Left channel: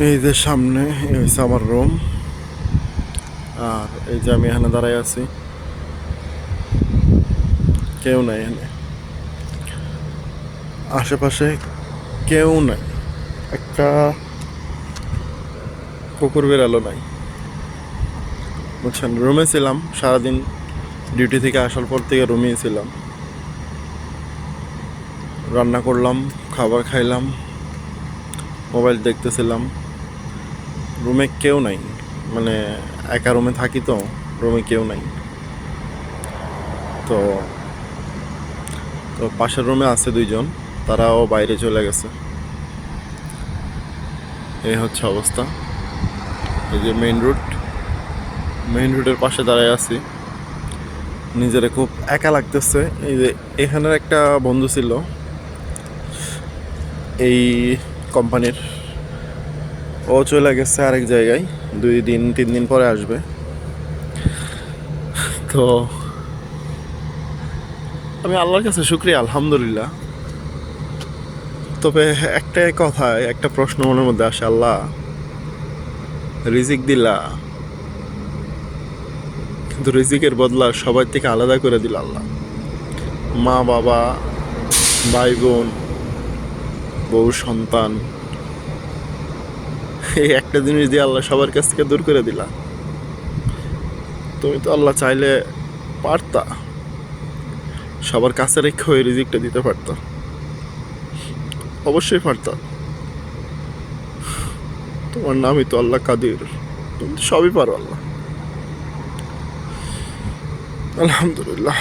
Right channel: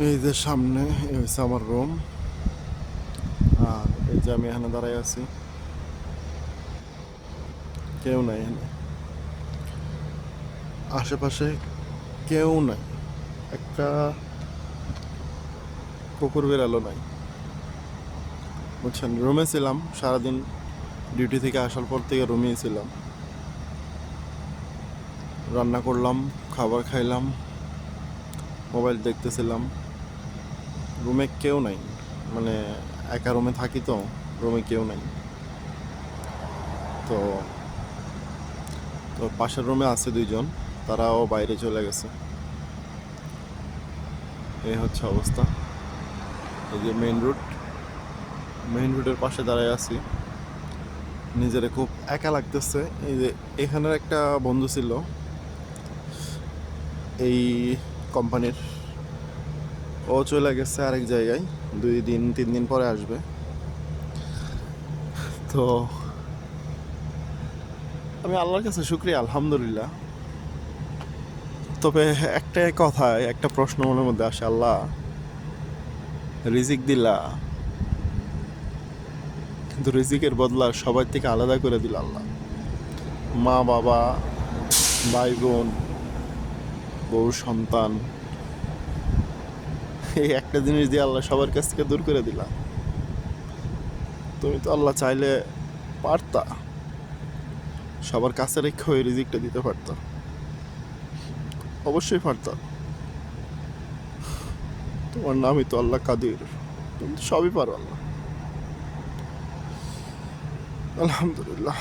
এই যে সামনে এই হচ্ছে আমার রুম। আর এই যে আমি এখানে দাঁড়াই আছি, কেউ নাই এখানে, আশেপাশে কেউ নাই। একটা কুকুর বেড়ালো নাই, বুঝছেন। রুমে ছিলাম সারাদিন, ডিউটি থেকে আসার পর থেকে রুমেই ছিলাম। রান্না করলাম, খাবার খাইলাম, মোবাইল দেখতেছিলাম। রুমে কেউ নাই, মানে একা রুমে থাকি তো, রুমে কেউ নাই। তো তো পাশের রুমে আছে দুইজন, তারাও বাইরে চলে গেছে। এই হচ্ছে অবস্থা। এই যে মেইন রোডের পাশে দাঁড়ায় আছি, নিজেরে খুব একা লাগতেছে। এই যে এখানের একটা বন্ধু ছিল এই কোম্পানির, ও চলে গেছে আরেক জায়গায়, 2-3 দিন পরে আসবে। তো আমি আল্লাহর কাছে শুক্রিয়া, আলহামদুলিল্লাহ। তবে একটা প্রশ্ন মনের মধ্যে আসে, আল্লাহ রিজিক দিলা, কিন্তু রিজিকের বদলা সবার থেকে আলাদা করে দিল আল্লাহ। মা বাবা, ভাই বোন, বউ সন্তান, এই একটা জিনিস দিয়ে আল্লাহ সবার কাছ থেকে দূর করে দিলা। তুমি তো আল্লাহ চাইলে পারতা সবার কাছে রেখে ওই রিজিকটা দিতে পারতা, অবশ্যই পারতা। তোমার নামই তো আল্লাহ কাদির, তুমি তো সবই পারো আল্লাহ। আলহামদুলিল্লাহ।